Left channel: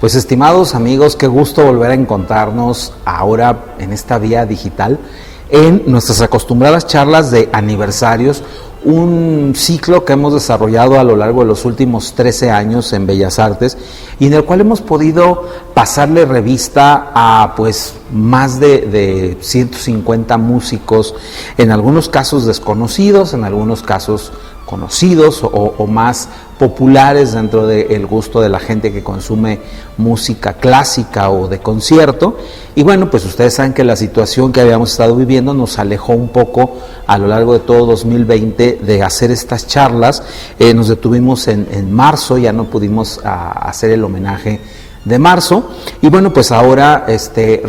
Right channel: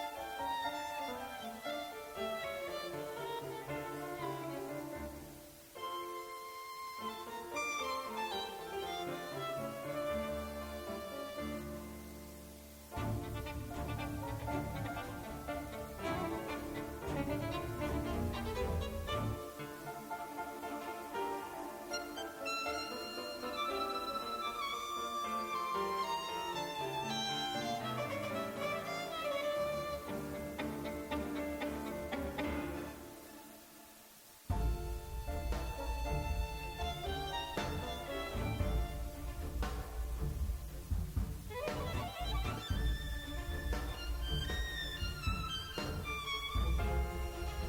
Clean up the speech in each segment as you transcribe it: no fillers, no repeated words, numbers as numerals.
Pues estimados amigos, qué gusto volver a encontrarnos ahora en esta vía digital en nuestras acostumbradas charlas de aniversarios, un ciclo que hemos desarrollado a lo largo de los últimos 13 años en Bellas Artes y en el cual hemos podido pasarle revista a pues más de 150 músicos, en algunos casos desconocidos, en algunos casos conocidos o más populares dentro del gusto de la gente que consume música clásica o de concierto. Y bueno, pues ustedes saben que la situación que habíamos estado viviendo nos alejó un poco a lo largo de todo 2020 de hacer estas charlas. Nos detuvimos en marzo, ya no pudimos hacer el homenaje de marzo, y bueno, pues ahora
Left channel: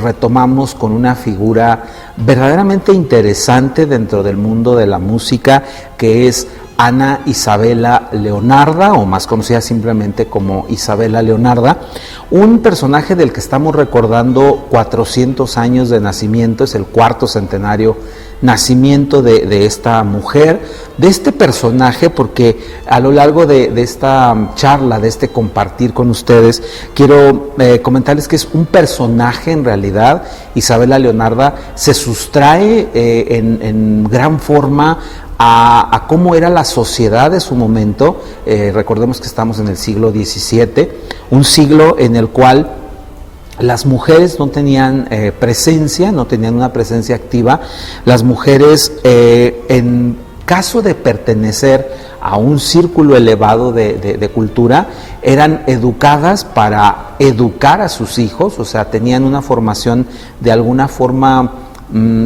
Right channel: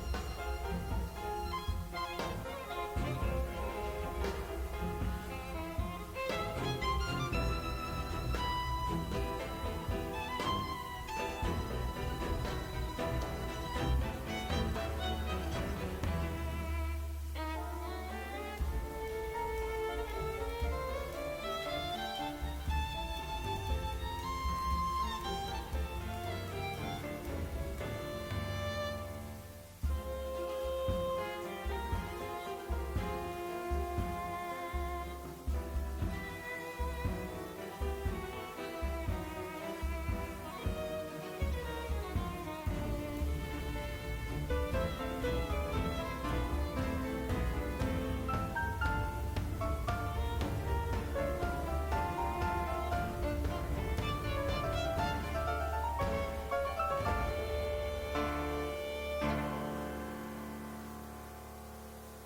retomamos con una figura verdaderamente interesante dentro del mundo de la música, que es Ana Isabela Leonarda, o más conocida simplemente como Isabela Leonarda, un personaje del que estamos recordando 400 años de nacimiento, es el cuarto centenario nacimiento de esta mujer, de este personaje, porque a lo largo de esta charla, de este compartir con ustedes, quiero comentarles que es un personaje en realidad. Isabela Leonarda se sustrae en gran forma a cómo era la sociedad de su momento. Recordemos que estamos en el siglo XVII, un siglo en el cual las mujeres no tenían presencia, no tenían una presencia activa. Las mujeres, en caso de pertenecer a un círculo elevado de cultura, eran educadas para educar a sus hijos, o sea, tenían una formación de alguna forma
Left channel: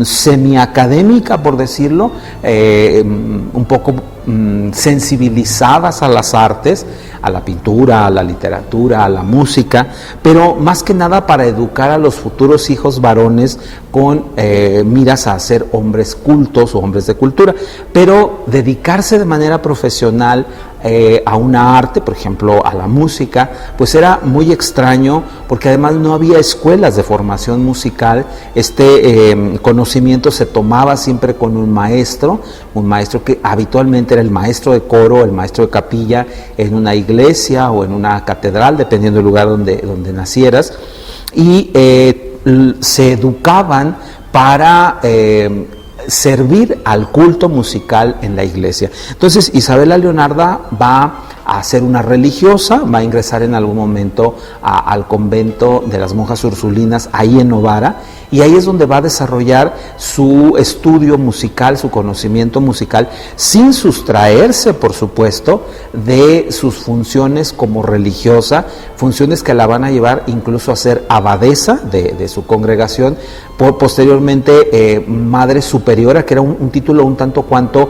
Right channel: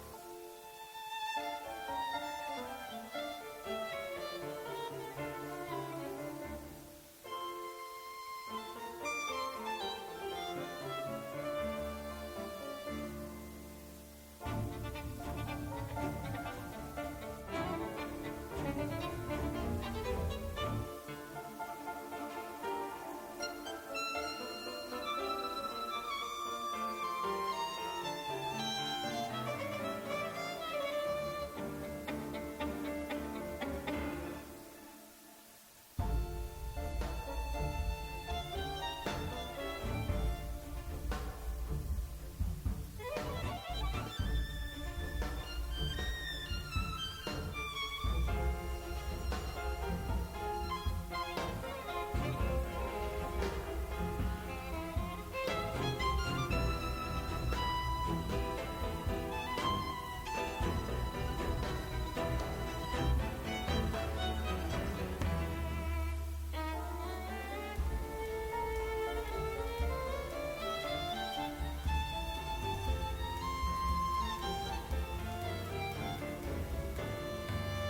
semiacadémica, por decirlo, un poco sensibilizadas a las artes, a la pintura, a la literatura, a la música, pero más que nada para educar a los futuros hijos varones con miras a ser hombres cultos o hombres de cultura, pero dedicarse de manera profesional a una arte, por ejemplo a la música, pues era muy extraño, porque además no había escuelas de formación musical. Conocimiento se tomaba siempre con un maestro que habitualmente era el maestro de coro, el maestro de capilla en una iglesia o en una catedral, dependiendo del lugar donde nacieras, y se educaban para servir al culto musical en la iglesia. Entonces Isabela Leonarda va a ser una religiosa, va a ingresar en algún momento al convento de las monjas ursulinas ahí en Novara, y ahí es donde va a desarrollar su estudio musical, su conocimiento musical, sin sustraerse, por supuesto, de sus funciones como religiosa, funciones que la van a llevar incluso a ser abadesa de su congregación, posteriormente madre superiora, que era un título un tanto cuanto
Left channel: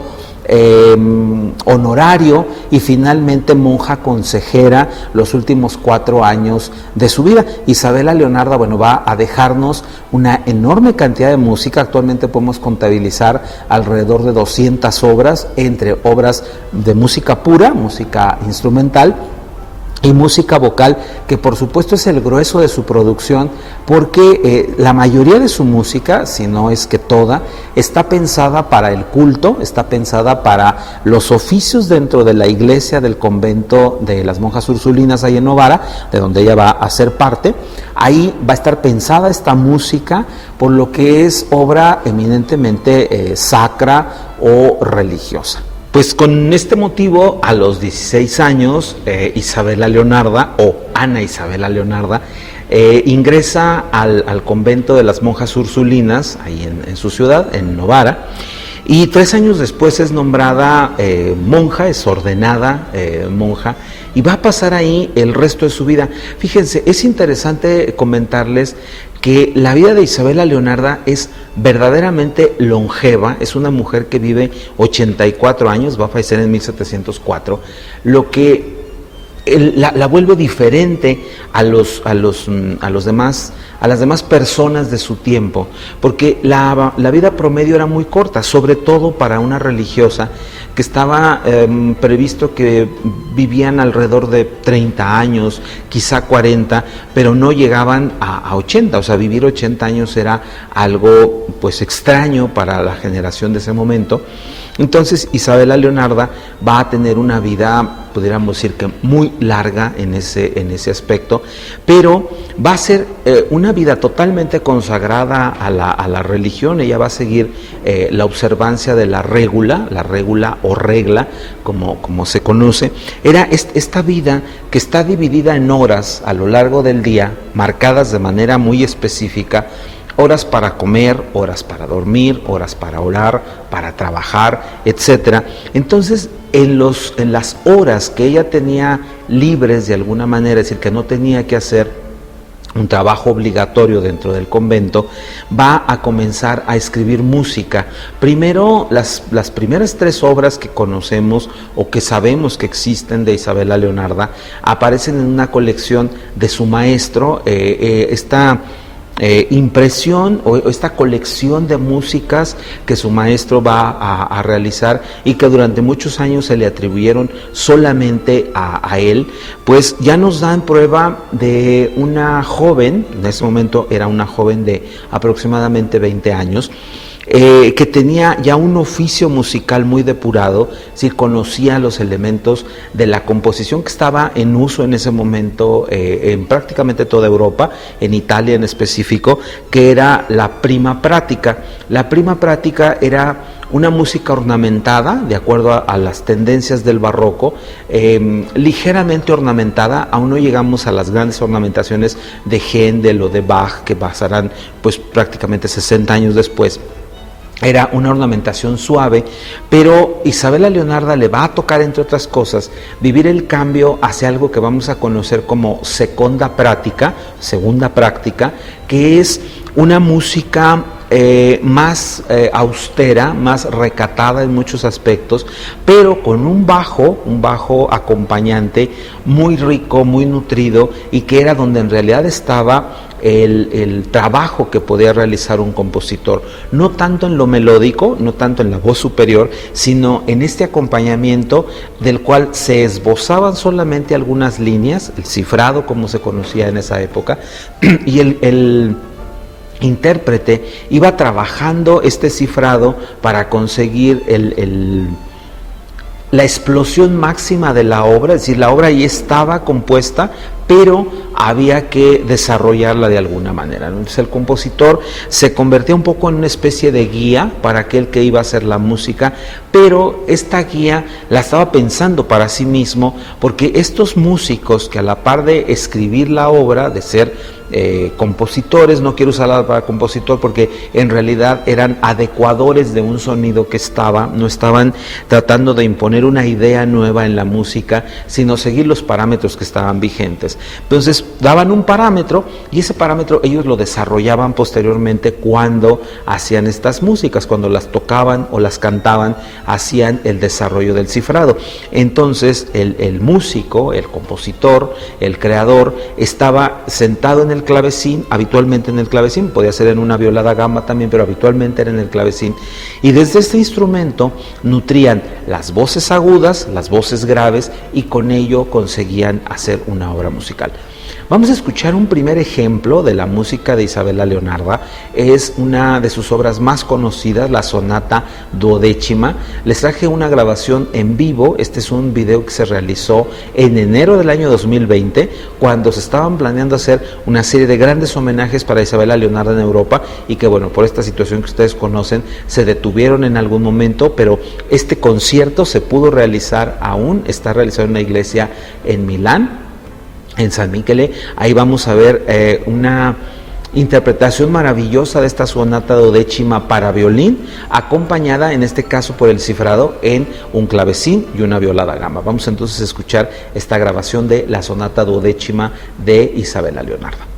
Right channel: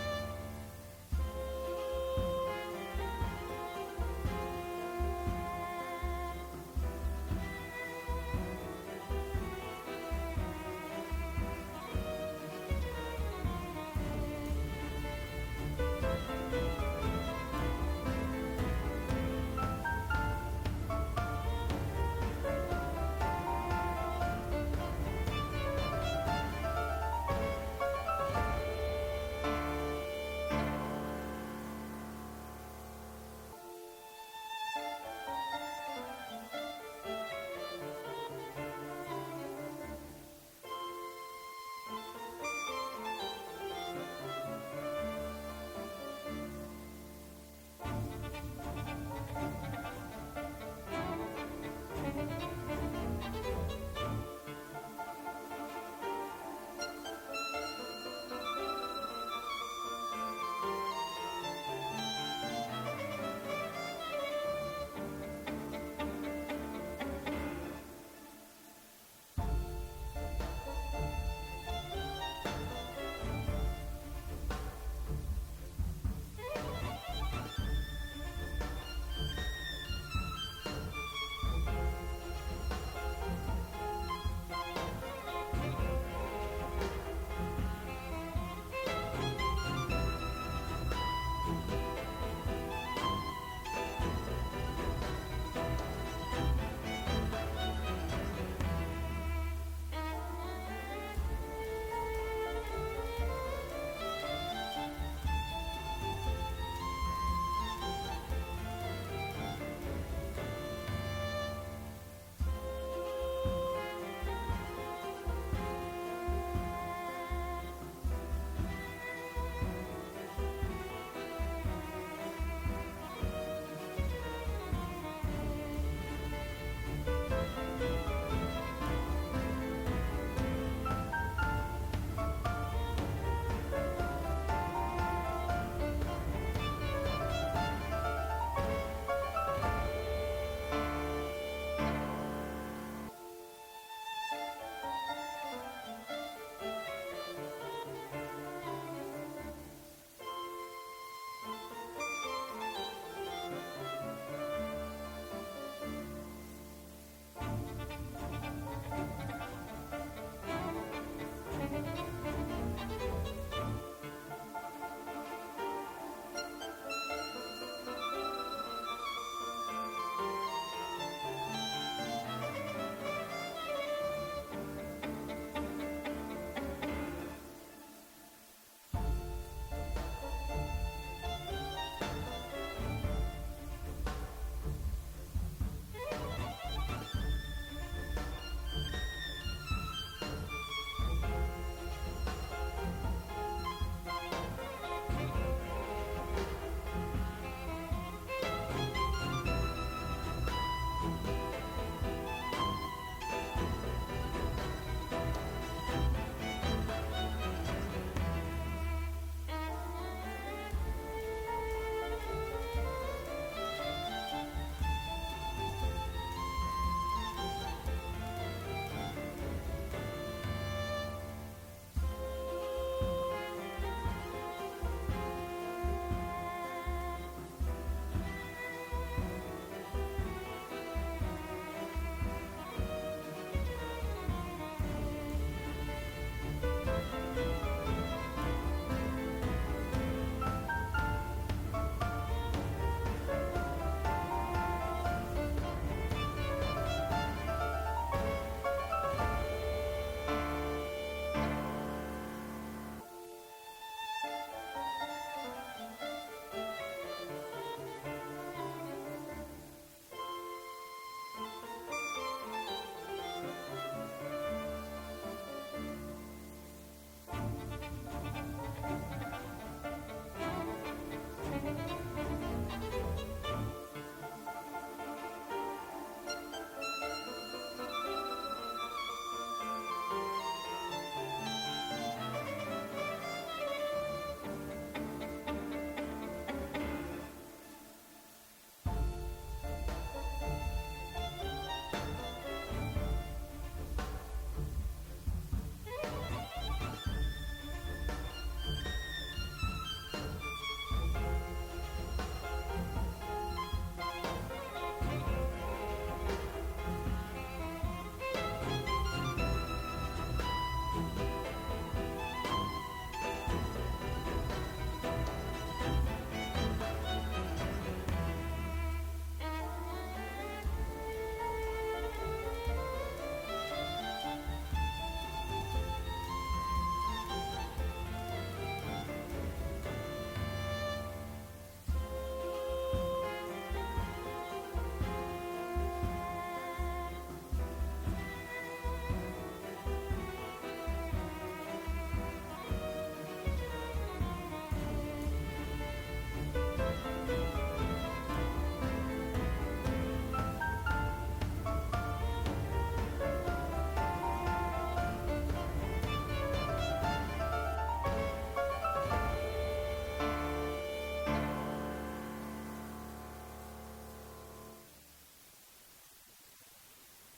honorario, y finalmente monja consejera los últimos 4 años de su vida. Isabela Leonarda, bueno, va a dejarnos una enorme cantidad de música. Actualmente podemos contabilizar alrededor de 200 obras, entre obras de música pura, música instrumental, y música vocal, que por supuesto es el grueso de su producción, porque la mayoría de su música, si no es que toda, está pensada para el culto, está pensada para los oficios dentro de la iglesia del convento de las monjas ursulinas ahí en Novara, de donde ella va a ser parte. Ahí va a estar pensada esta música, por lo que es obra eminentemente sacra o religiosa. Pues con este motivo, a los 16 años, Isabela Leonarda, o Ana Isabela Leonarda, ingresa al convento de las monjas ursulinas, ahí en su ciudad, en Novara, y 3 años después es nombrada monja, es ordenada monja, y va a pasar ahí el resto de su vida. Fíjense, es interesante comentarles que la vida de Isabela Leonarda es verdaderamente longeva. Es una mujer que vive 84 años, va a fallecer en 1704, lo que la vuelve diferente a las demás personas de su tiempo, porque la vida promedio era muy corta, sobre todo para una religiosa, que estaba previsto que vivían alrededor de 30 años, quizá 40, pero no llegaban a 80, o sea, vivir 80 años era algo pues extraño para la generación de ese momento. Entonces Isabela Leonarda va a tener una vida, pudiéramos decir que muy larga en ese aspecto, pero va a ser una vida totalmente consagrada a la religión. Ella va a seguir la observancia de la regula o regla, como se conoce. Era esta vida que está dividida en horas a lo largo del día, marcadas de manera muy específica: horas para comer, horas para dormir, horas para orar, para trabajar, etcétera. Entonces, en las horas que ella tenía libres de alguna manera, es decir, que no tenía que hacer un trabajo obligatorio dentro del convento, va a comenzar a escribir música. Primero, las primeras 3 obras que conocemos o que sabemos que existen de Isabela Leonarda aparecen en una colección de su maestro. Esta impresión o esta colección de músicas que su maestro va a realizar y que durante muchos años se le atribuyeron solamente a él, pues ya nos dan prueba de una joven. En ese momento era una joven de aproximadamente 20 años, que tenía ya un oficio musical muy depurado, sí, conocía los elementos de la composición que estaba en uso en ese momento en prácticamente toda Europa, en Italia en específico, que era la prima pratica. La prima pratica era una música ornamentada, de acuerdo a las tendencias del barroco, ligeramente ornamentada. Aún no llegamos a las grandes ornamentaciones de Händel o de Bach, que pasarán pues prácticamente 60 años después. Era una ornamentación suave, pero Isabela Leonarda le va a tocar, entre otras cosas, vivir el cambio hacia algo que vamos a conocer como segunda práctica, que es una música más austera, más recatada en muchos aspectos, pero con un bajo acompañante muy rico, muy nutrido, y que era donde en realidad estaba el trabajo que podía realizar un compositor, no tanto en lo melódico, no tanto en la voz superior, sino en este acompañamiento del cual se esbozaban solamente algunas líneas, el cifrado como se conocía en esa época, y el intérprete iba trabajando este cifrado para conseguir la explosión máxima de la obra. Es decir, la obra ya estaba compuesta, pero había que desarrollarla de alguna manera. Entonces el compositor se convertía un poco en una especie de guía para aquel que iba a hacer la música, pero esta guía la estaba pensando para sí mismo, porque estos músicos que a la par de escribir la obra, de ser compositores, no quiero usar la palabra compositor porque en realidad eran adecuadores de un sonido que no estaban tratando de imponer una idea nueva en la música, sino seguir los parámetros que estaban vigentes. Entonces daban un parámetro y ese parámetro ellos lo desarrollaban posteriormente cuando hacían estas músicas, cuando las tocaban o las cantaban, hacían el desarrollo del cifrado. Entonces el músico, el compositor, el creador, estaba sentado en el clavecín, habitualmente en el clavecín, podía ser en una viola da gamba también, pero habitualmente era en el clavecín, y desde este instrumento nutrían las voces agudas, las voces graves, y con ello conseguían hacer una obra musical. Vamos a escuchar un primer ejemplo de la música de Isabela Leonarda. Es una de sus obras más conocidas, la sonata duodécima. Les traje una grabación en vivo. Este es un video que se realizó en enero del año 2020, cuando se estaban planeando hacer una serie de grandes homenajes para Isabela Leonarda en Europa, y que bueno, por esta situación que ustedes conocen, se detuvieron en algún momento, pero este concierto se pudo realizar aún, está realizado en una iglesia en Milán, en San Michele. Ahí vamos a ver una interpretación maravillosa de esta sonata duodécima para violín, acompañada en este caso por el cifrado en un clavecín y una viola da gamba. Vamos entonces a escuchar esta grabación de la sonata duodécima de Isabela Leonarda.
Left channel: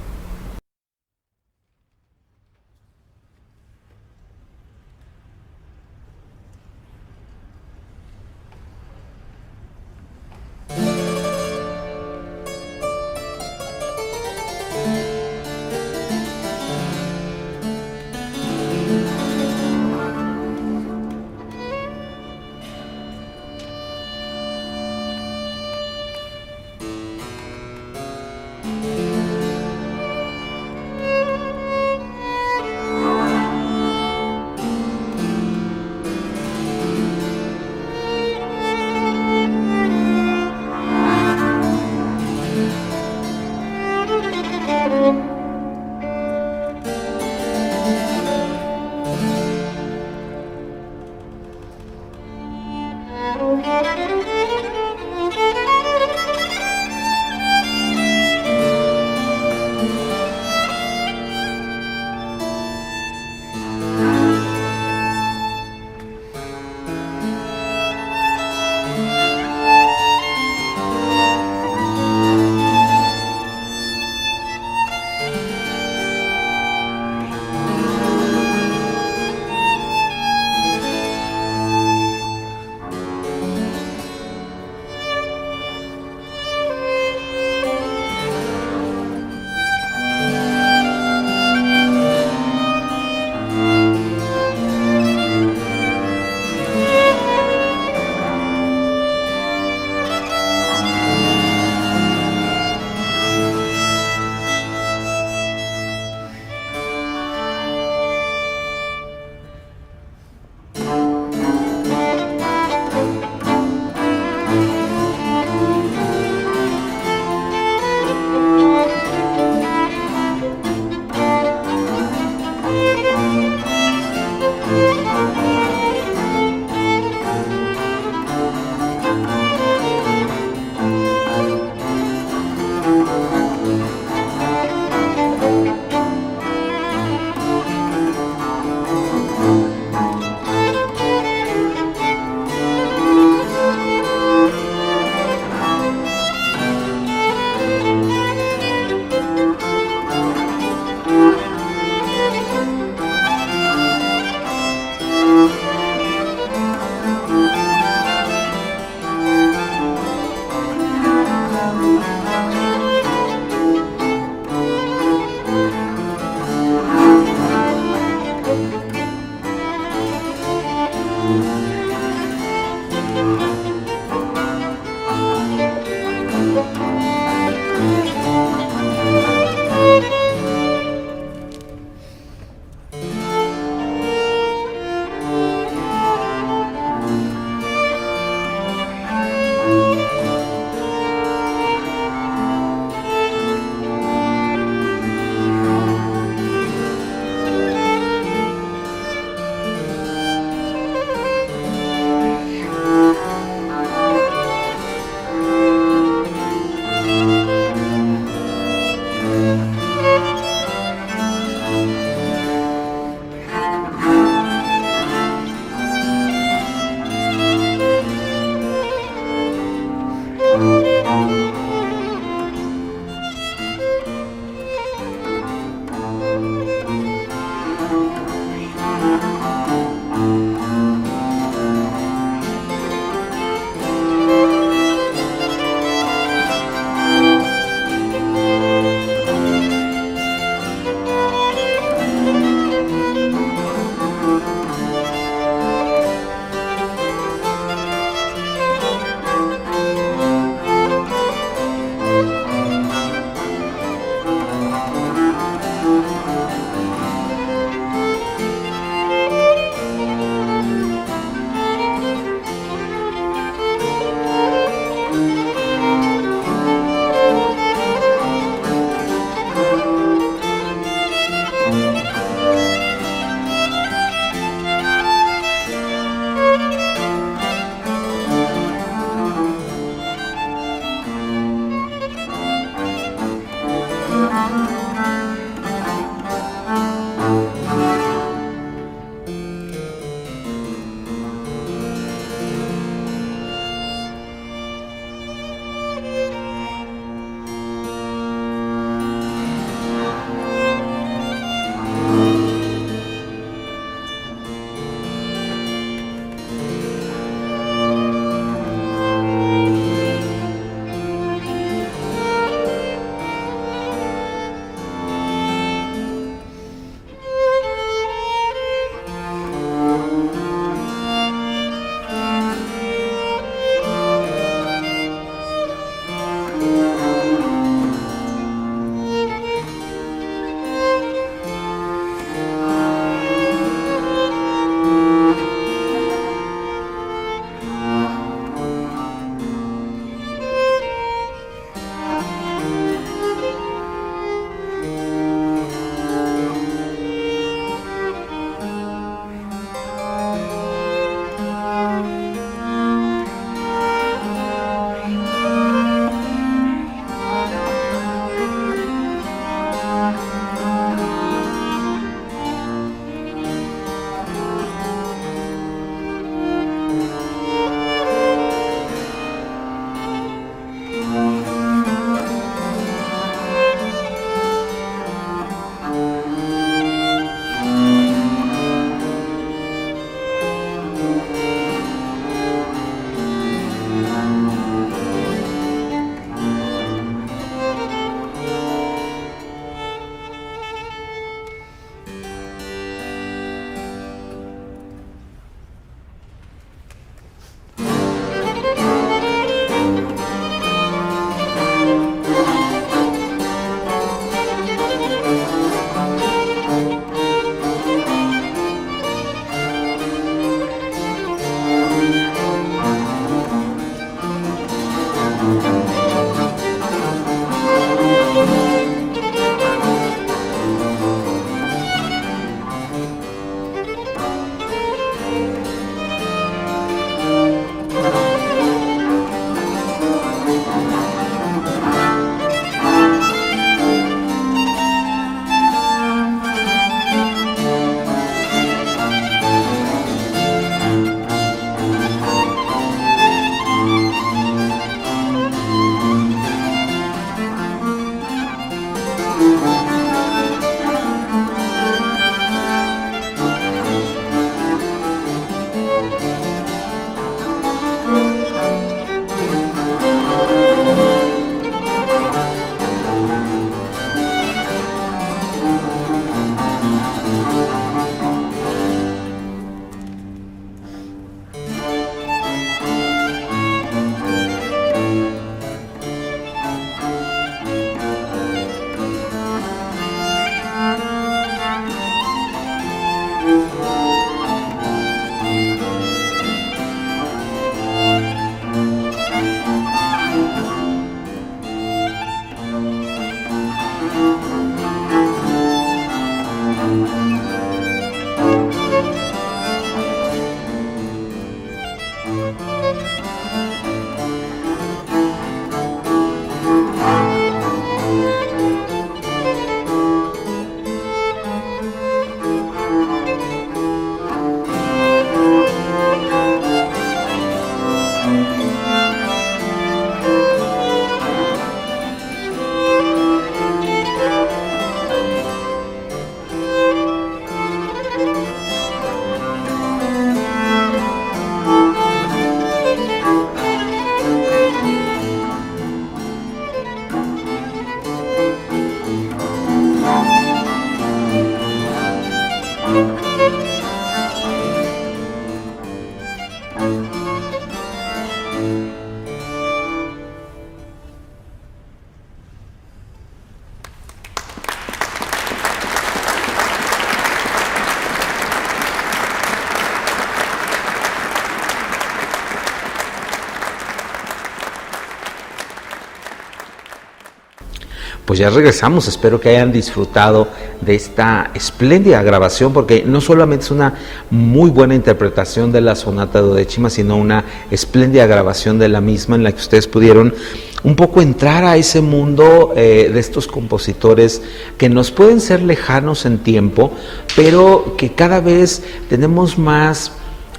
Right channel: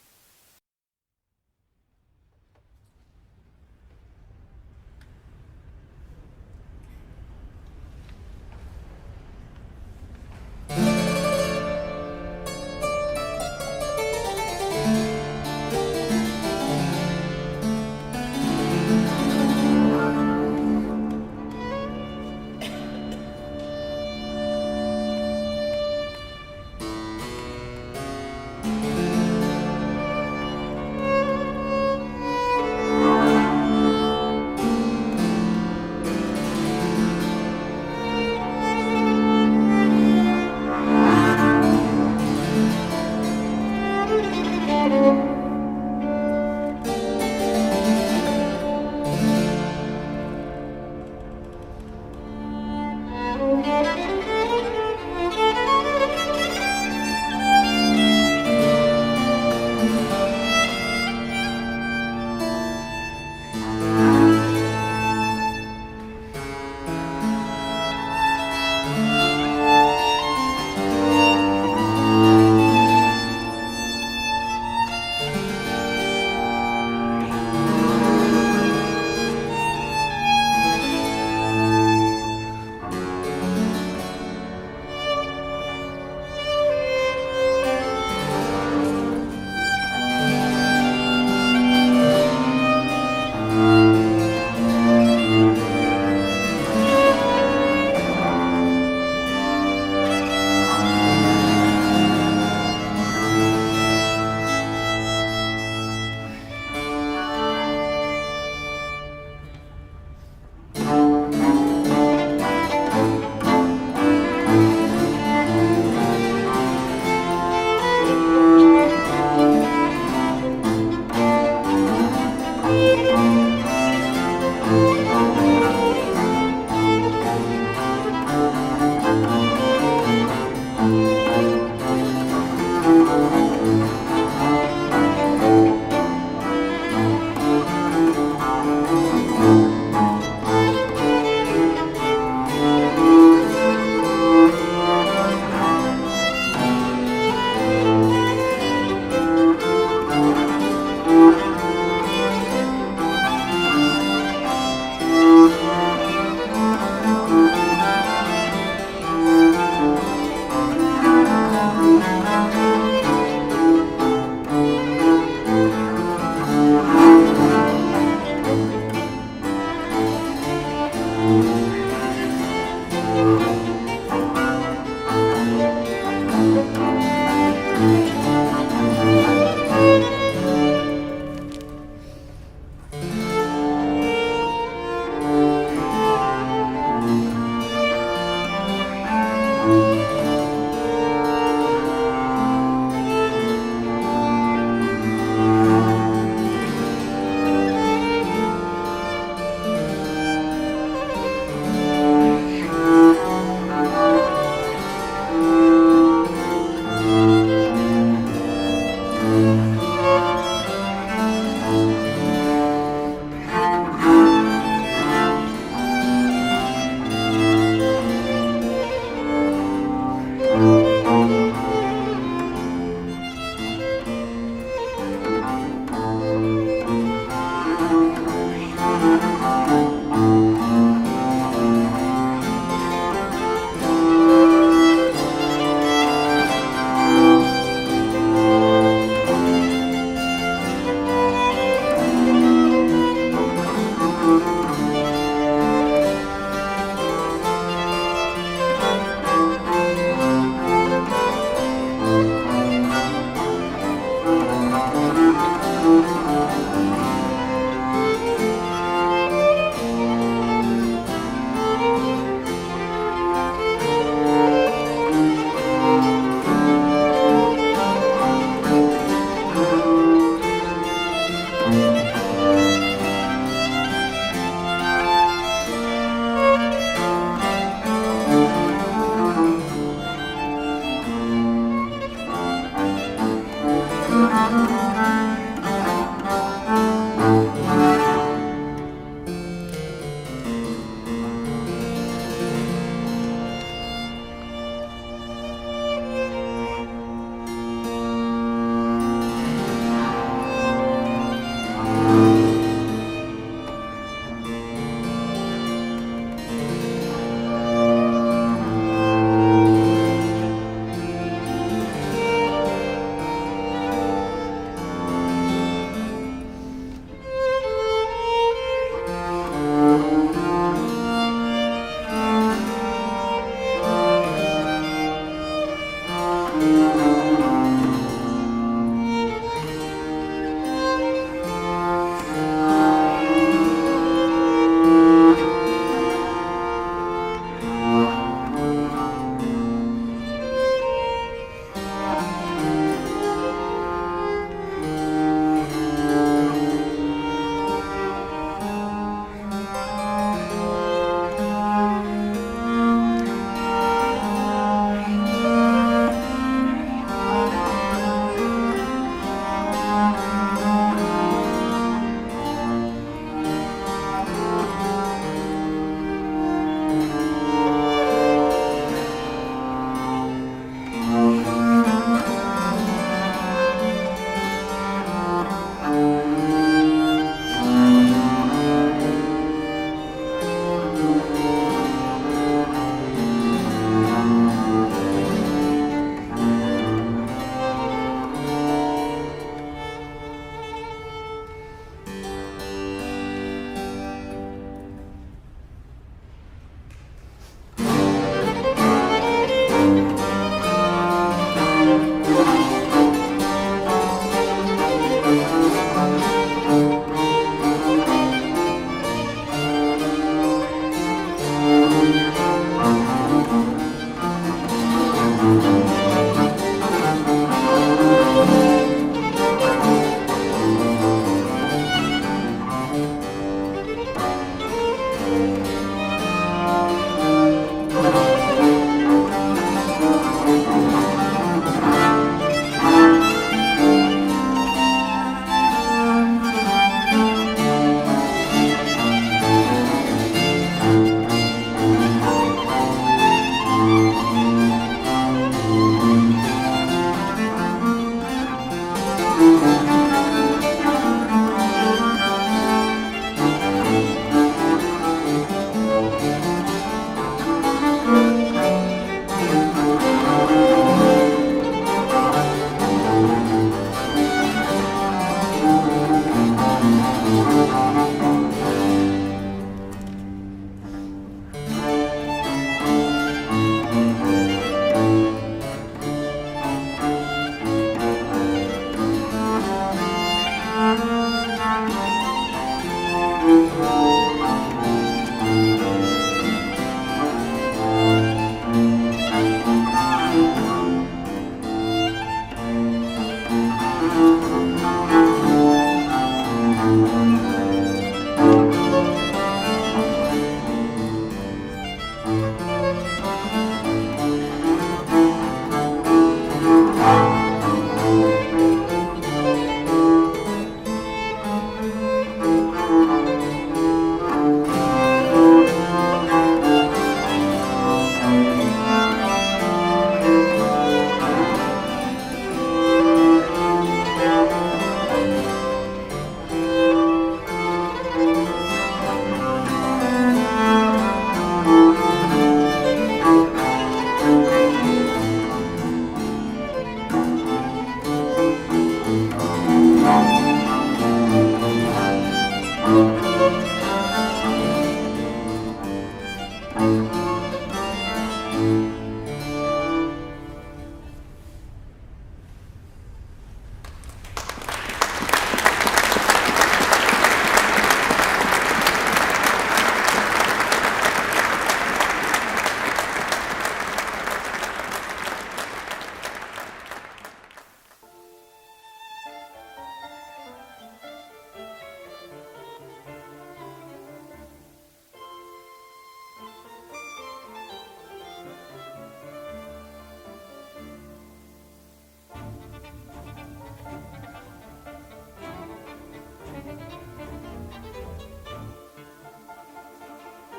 Pues ya regresamos, espero que hayan disfrutado de esta espléndida grabación, porque no solamente es una muy buena interpretación de la sonata duodécima, sino una espléndida grabación de la misma en la que ustedes pudieron un poco entrar a ese mundo de estos compositores que nos pueden ser lejanos en tiempo, pero que cada vez tenemos más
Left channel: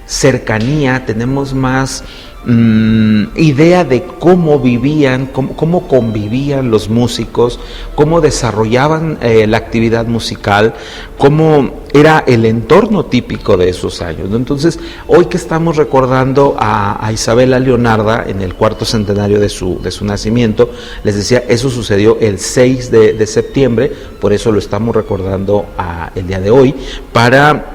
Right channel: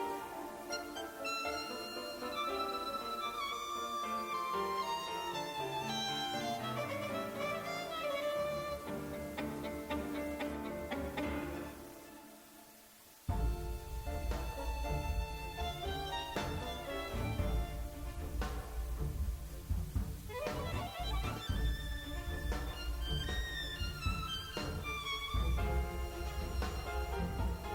cercanía, tenemos más idea de cómo vivían, cómo convivían los músicos, cómo desarrollaban la actividad musical, cómo era el entorno típico de esos años, ¿no? Entonces, hoy que estamos recordando a Isabela Leonarda en el 4º centenario de su nacimiento, les decía, eso sucedió el 6 de septiembre, por eso lo estamos recordando el día de hoy, para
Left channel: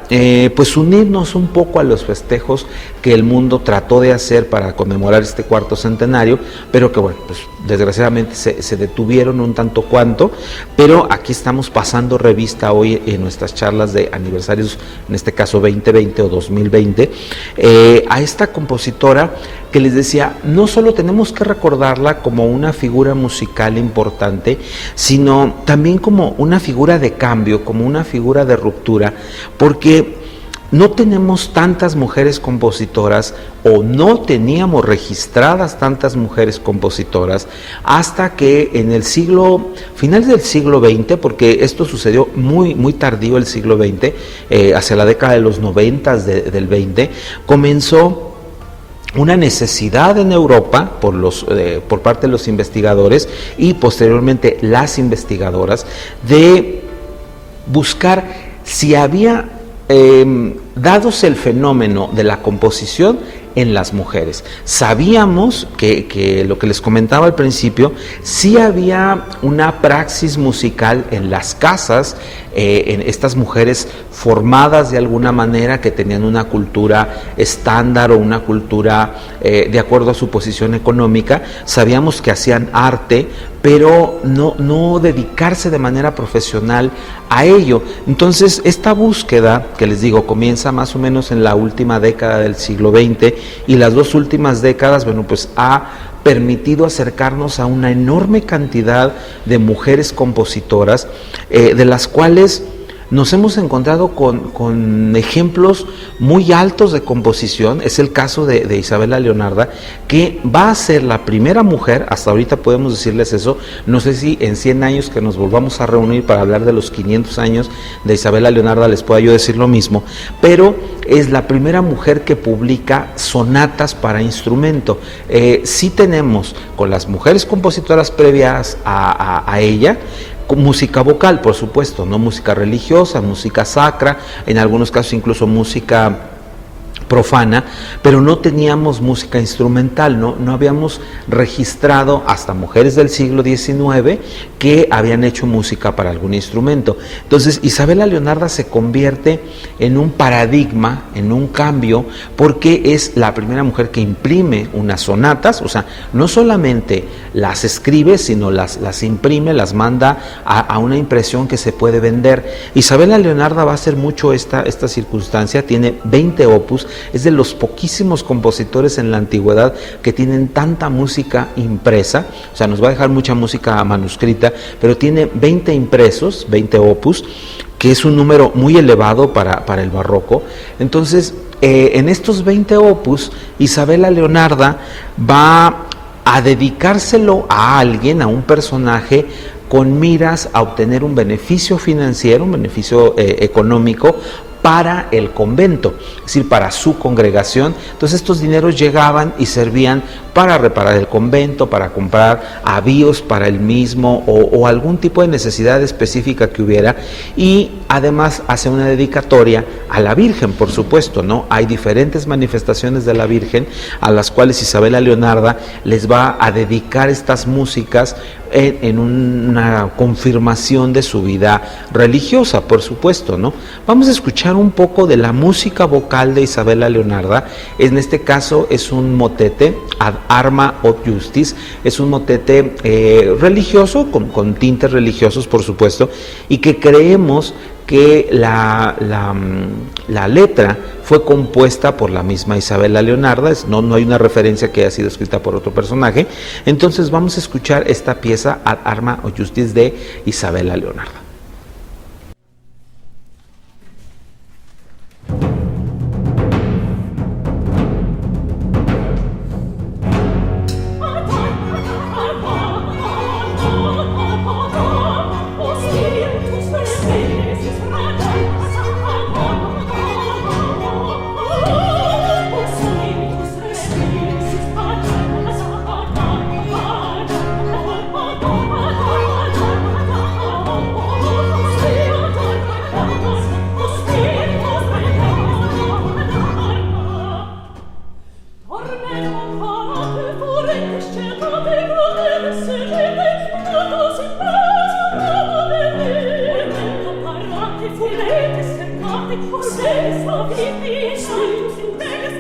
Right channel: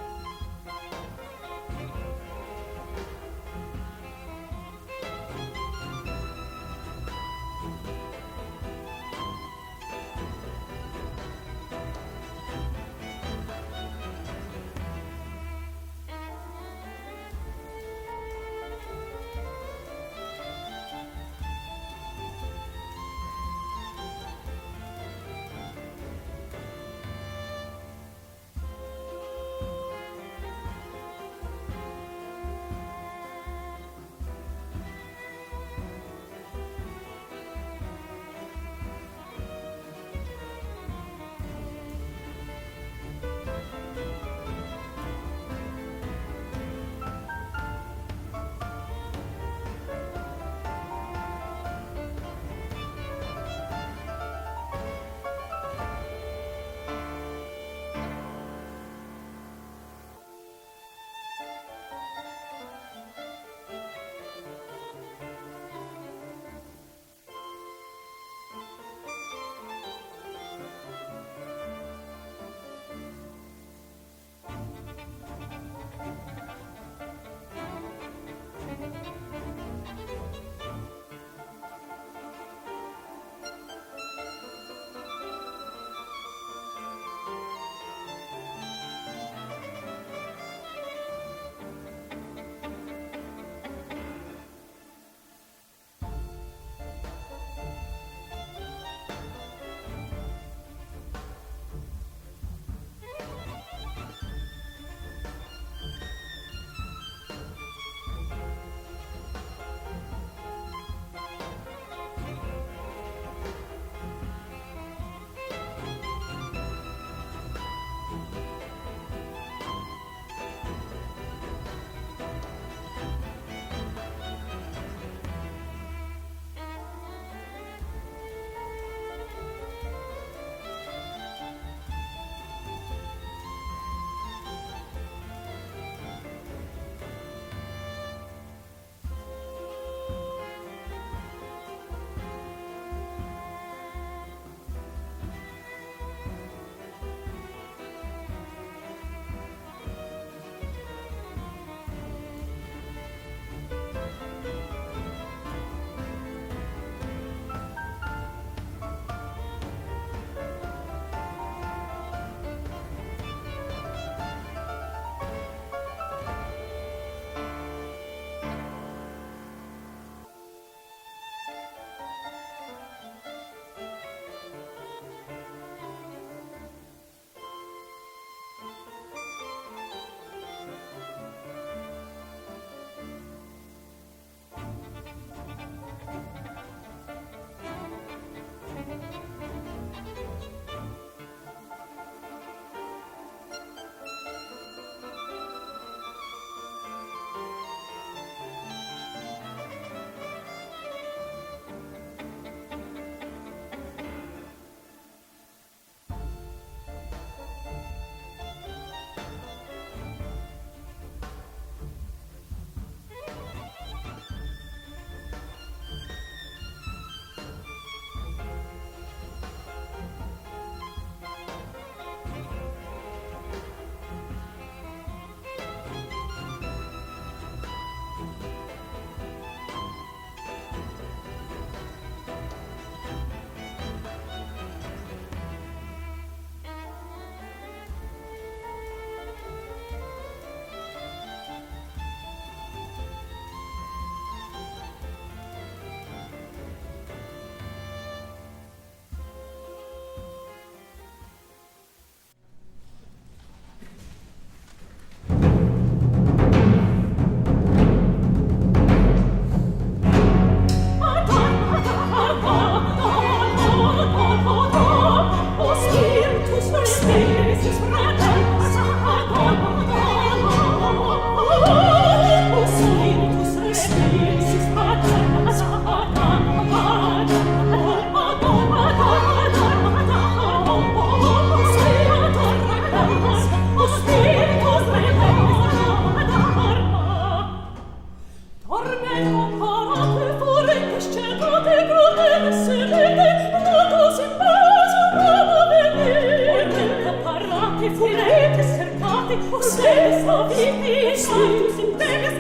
pues unirnos un poco a los festejos que el mundo trató de hacer para conmemorar este cuarto centenario, pero que bueno, pues desgraciadamente se detuvieron un tanto cuanto, pero aquí estamos pasando revista hoy en nuestras charlas de aniversarios, en este caso 2020 o 2020, a esta compositora que les decía, no solo tenemos que recordarla como una figura musical importante, sino también como una figura de cambio, como una figura de ruptura, porque no tenemos tantas mujeres compositoras o no teníamos registradas tantas mujeres compositoras hasta que en el finales del siglo XX, porque esto sucedió muy tardío el siglo XX, hacia la década de los 90 del 20, comenzó una necesidad en Europa por parte de los investigadores y posteriormente las investigadoras de buscar si había, dados el fenómeno de la composición en las mujeres. Sabíamos que lo que les comentaba al principio, sí había una praxis musical en las casas, en estas mujeres formadas de alguna manera, que tenían una cultura estándar o una cultura de acuerdo a su posición económica. Sabíamos que hacían arte, pero no dedicarse de manera profesional a ello. Entonces, esta búsqueda, que les digo, comienza más o menos en la última década del siglo XX, y las dos últimas décadas, bueno, pues ha permitido acercarnos a una enorme cantidad de mujeres compositoras, de las cuales nos hemos encontrado con ejemplos muy altos de composición. Es el caso de Isabela Leonarda, que va a ser la primera mujer, hasta ahorita podemos decirles eso, no sé si en 100 años que nos volvamos a reunir para hablar de los 500 años de Isabela Leonarda les pueda yo decir lo mismo, pero es la primera mujer que publica sonatas para instrumento. Sí tenemos con las mujeres compositoras previas a ella, música vocal, por supuesto, no música religiosa, música sacra, en algunos casos incluso música profana, pero no teníamos música instrumental, no habíamos registrado hasta mujeres del siglo XIX que habían hecho música para algún instrumento. Entonces Isabela Leonarda se convierte en un paradigma, en un cambio, porque es la primera mujer que imprime unas sonatas, o sea, no solamente las escribe, sino las imprime, las manda a una impresión que se puede vender. Isabela Leonarda va a hacer mucho esta circunstancia, tiene 20 opus, es de los poquísimos compositores en la antigüedad que tienen tanta música impresa, o sea, nos va a dejar mucha música manuscrita, pero tiene 20 impresos, 20 opus, que es un número muy elevado para el barroco. Entonces, en estos 20 opus, Isabela Leonarda va a dedicárselo a alguien, a un personaje, con miras a obtener un beneficio financiero, un beneficio económico para el convento, es decir, para su congregación. Entonces estos dineros llegaban y servían para reparar el convento, para comprar avíos para el mismo o algún tipo de necesidad específica que hubiera, y además hace una dedicatoria a la Virgen, por supuesto, ¿no? Hay diferentes manifestaciones de la Virgen a las cuales Isabela Leonarda les va a dedicar estas músicas en una confirmación de su vida religiosa, por supuesto, ¿no? Vamos a escuchar un poco de la música vocal de Isabela Leonarda. En este caso es un motete, Ad Arma od Justis, es un motete religioso, con tintes religiosos, por supuesto, y que creemos que la letra fue compuesta por la misma Isabela Leonarda, no hay una referencia que haya sido escrita por otro personaje. Entonces vamos a escuchar esta pieza, Ad Arma od Justis, de Isabela Leonarda. Cercate, o se savi, status in tegas,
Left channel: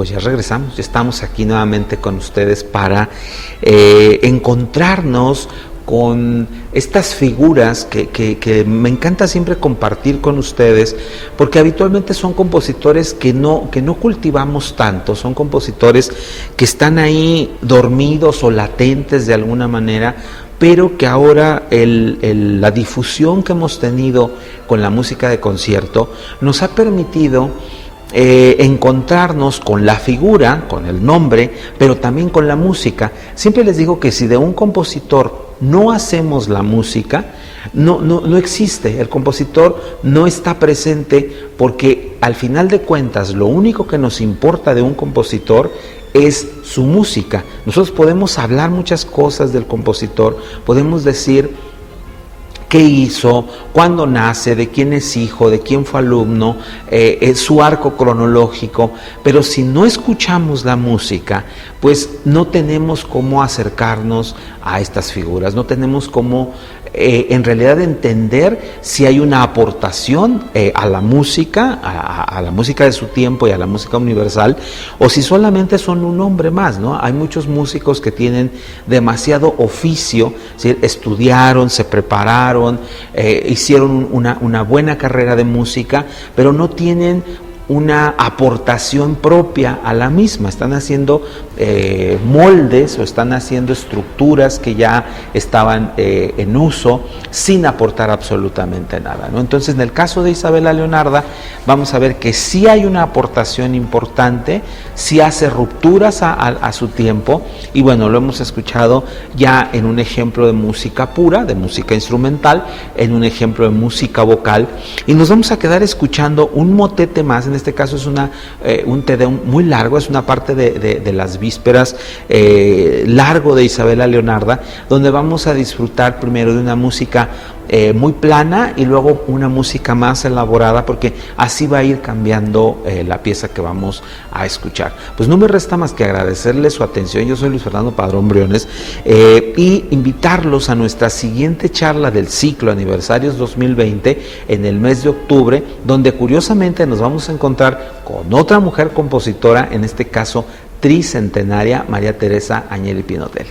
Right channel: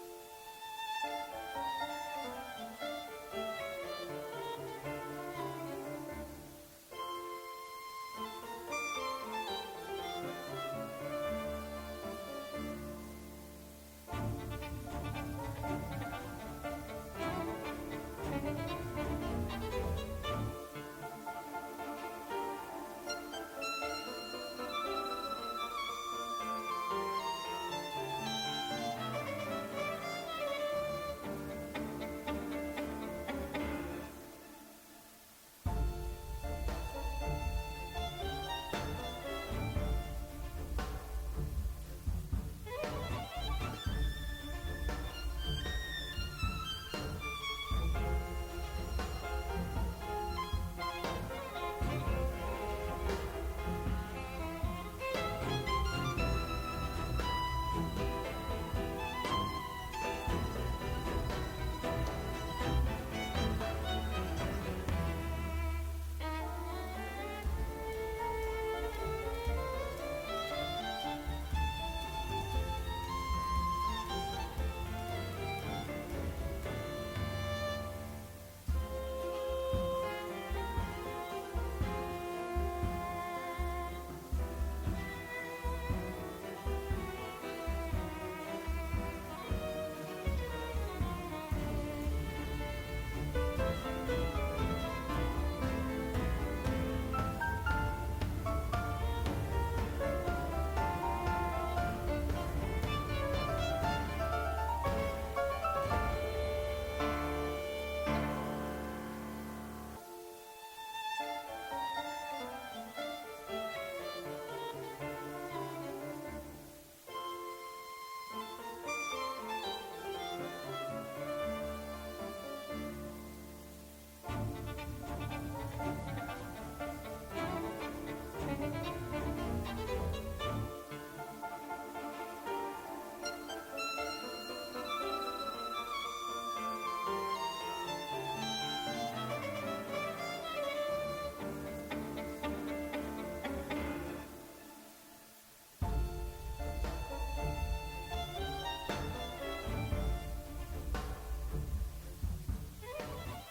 pues ya regresamos, ya estamos aquí nuevamente con ustedes para encontrarnos con estas figuras que me encanta siempre compartir con ustedes, porque habitualmente son compositores que no cultivamos tanto, son compositores que están ahí dormidos o latentes de alguna manera, pero que ahora la difusión que hemos tenido con la música de concierto nos ha permitido encontrarnos con la figura, con el nombre, pero también con la música. Siempre les digo que si de un compositor no hacemos la música, no existe. El compositor no está presente, porque al final de cuentas lo único que nos importa de un compositor es su música. Nosotros podemos hablar muchas cosas del compositor, podemos decir qué hizo, cuándo nace, de quién es hijo, de quién fue alumno, su arco cronológico, pero si no escuchamos la música, pues no tenemos cómo acercarnos a estas figuras, no tenemos cómo en realidad entender si hay una aportación a la música, a la música de su tiempo y a la música universal, o si solamente son un hombre más, ¿no? Hay muchos músicos que tienen demasiado oficio, ¿sí? Estudiaron, se prepararon, hicieron una buena carrera de música, pero no tienen una aportación propia a la misma, están haciendo moldes o están haciendo estructuras que ya estaban en uso sin aportar absolutamente nada, ¿no? Entonces, en el caso de Isabela Leonarda, vamos a ver que sí hay una aportación importante, sí hace rupturas a su tiempo, y bueno, lo hemos escuchado ya en un ejemplo de música pura, de música instrumental, en un ejemplo de música vocal, y nos vamos a quedar escuchando un motete más. En este caso es un Te Deum muy largo, es una parte de las vísperas largo de Isabela Leonarda, donde vamos a disfrutar primero de una música muy plana y luego una música más elaborada, porque así va a ir cambiando la pieza que vamos a escuchar. Pues no me resta más que agradecerles su atención. Yo soy Luis Fernando Padrón Briones, y invitarlos a nuestra siguiente charla del ciclo Aniversarios 2020 en el mes de octubre, donde curiosamente nos vamos a encontrar con otra mujer compositora, en este caso tricentenaria, María Teresa Agnelli Pinotelli.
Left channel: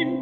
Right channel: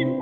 In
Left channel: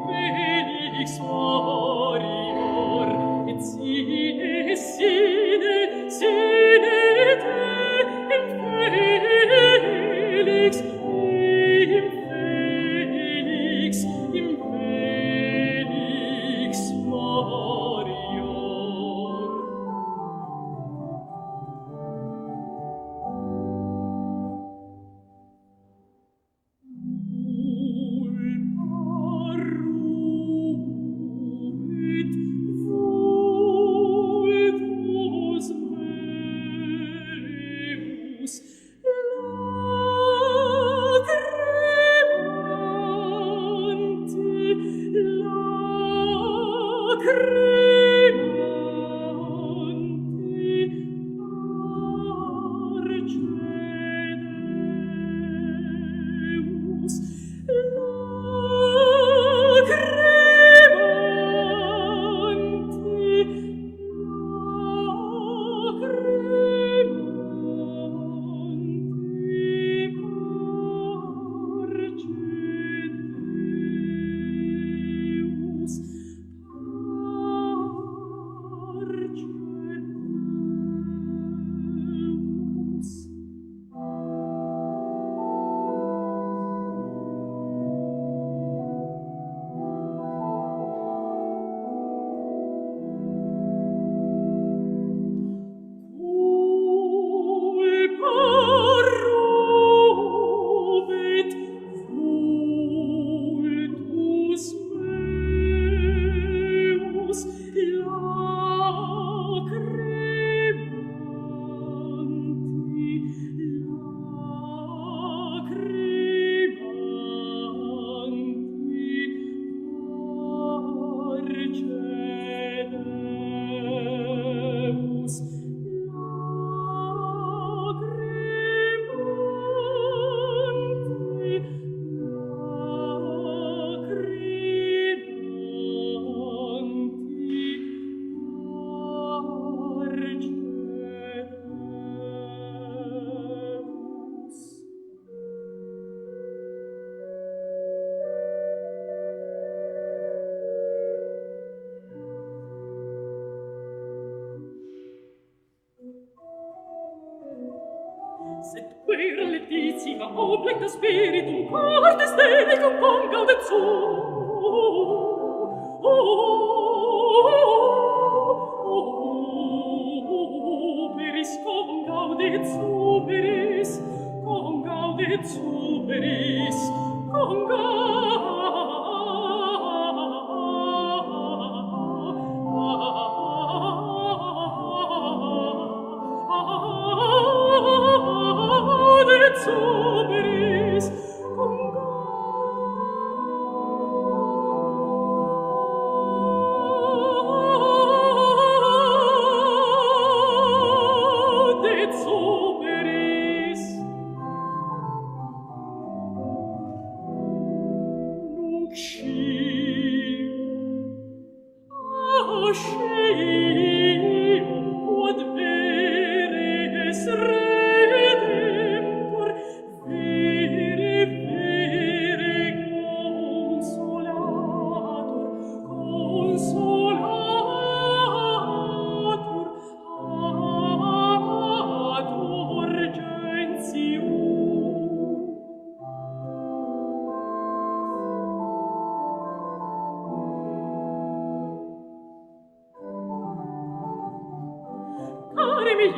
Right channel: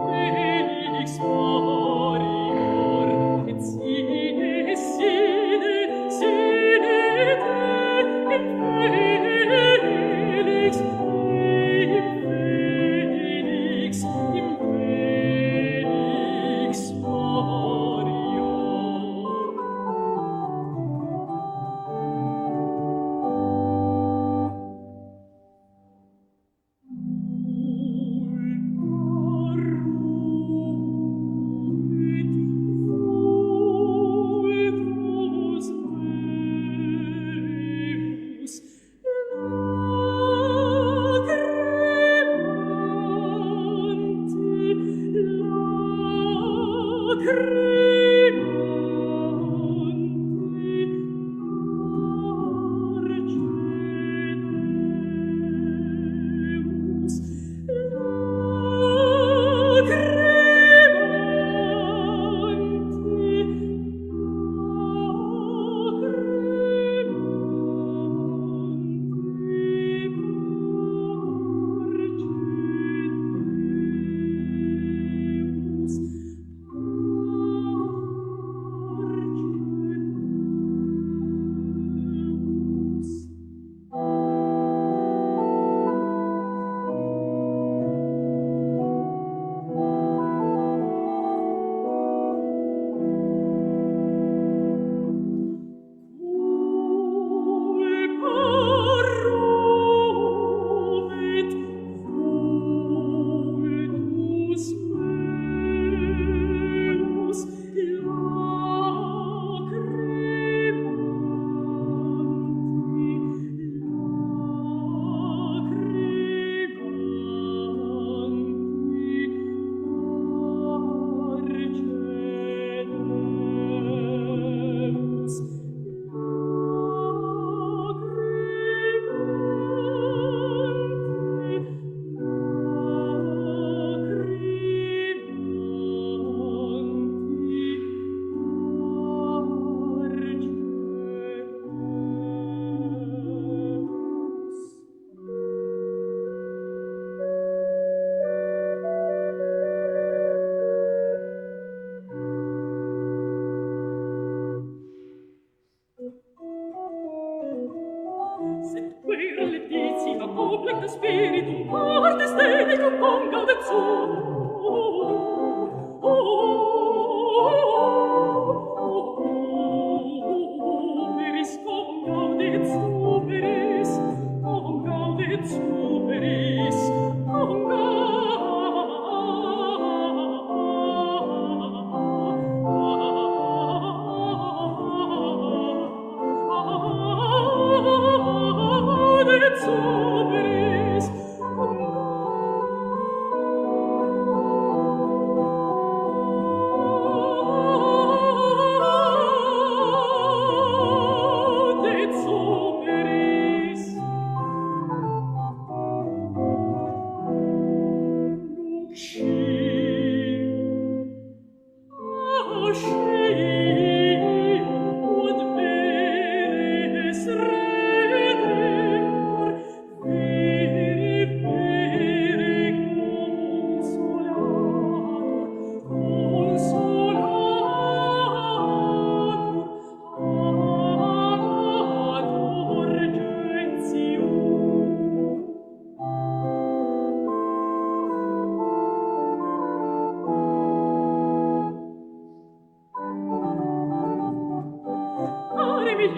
benedicia oblecta spiritum cortes delicum congaudet superis,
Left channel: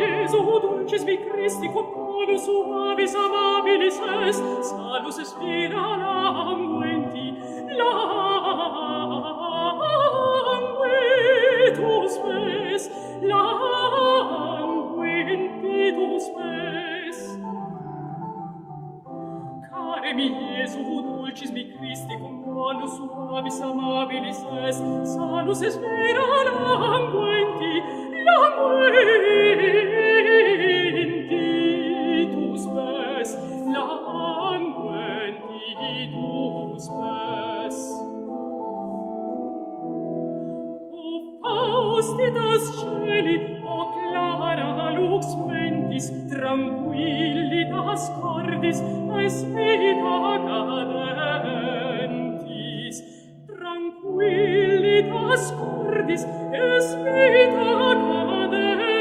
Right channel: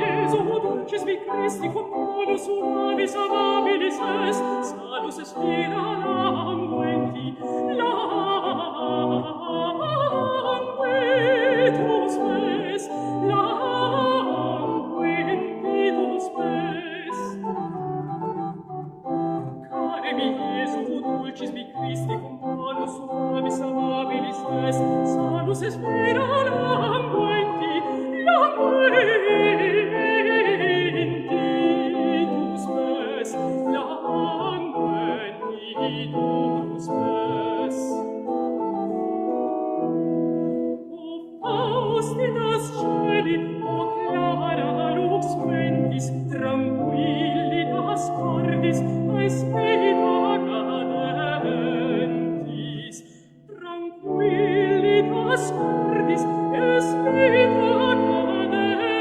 Iesu, dulcis vi Christi, quam bonus suavis amabilis est, salus espira languenti, languentus spes, languentitus spes. Care mi Iesu, dulcis vi Christi, quam bonus suavis amabilis est, salus espira languenti, languentitus spes, languentitus spes. O faustitas celi, o clara lux mentis, tranquillitas cordis, aespita cadentis, tranquillitas cordis, aespita cadentis.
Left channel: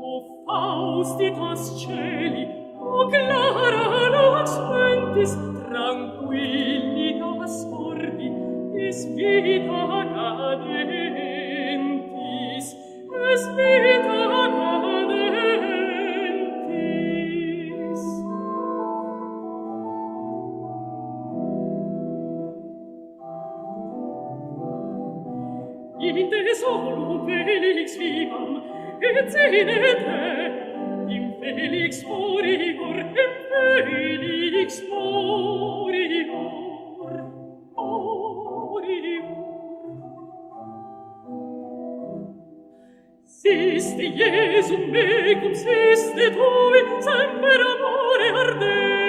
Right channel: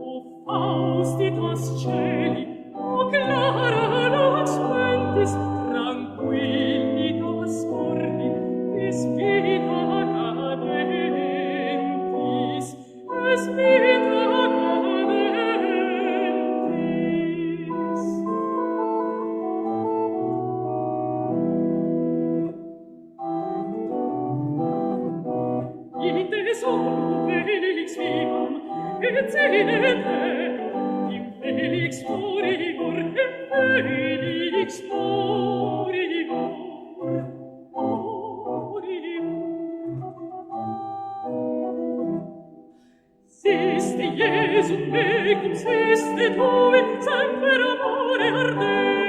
O faustitas celi, o clara lux mentis, tranquillitas cordi, aespita cadentis, aespita cadentis. In te solum felix vivam, et sine te, in felix moribor, in felix moribor, moribor. Siste Iesum mecum, siste tui, semper amore ardente,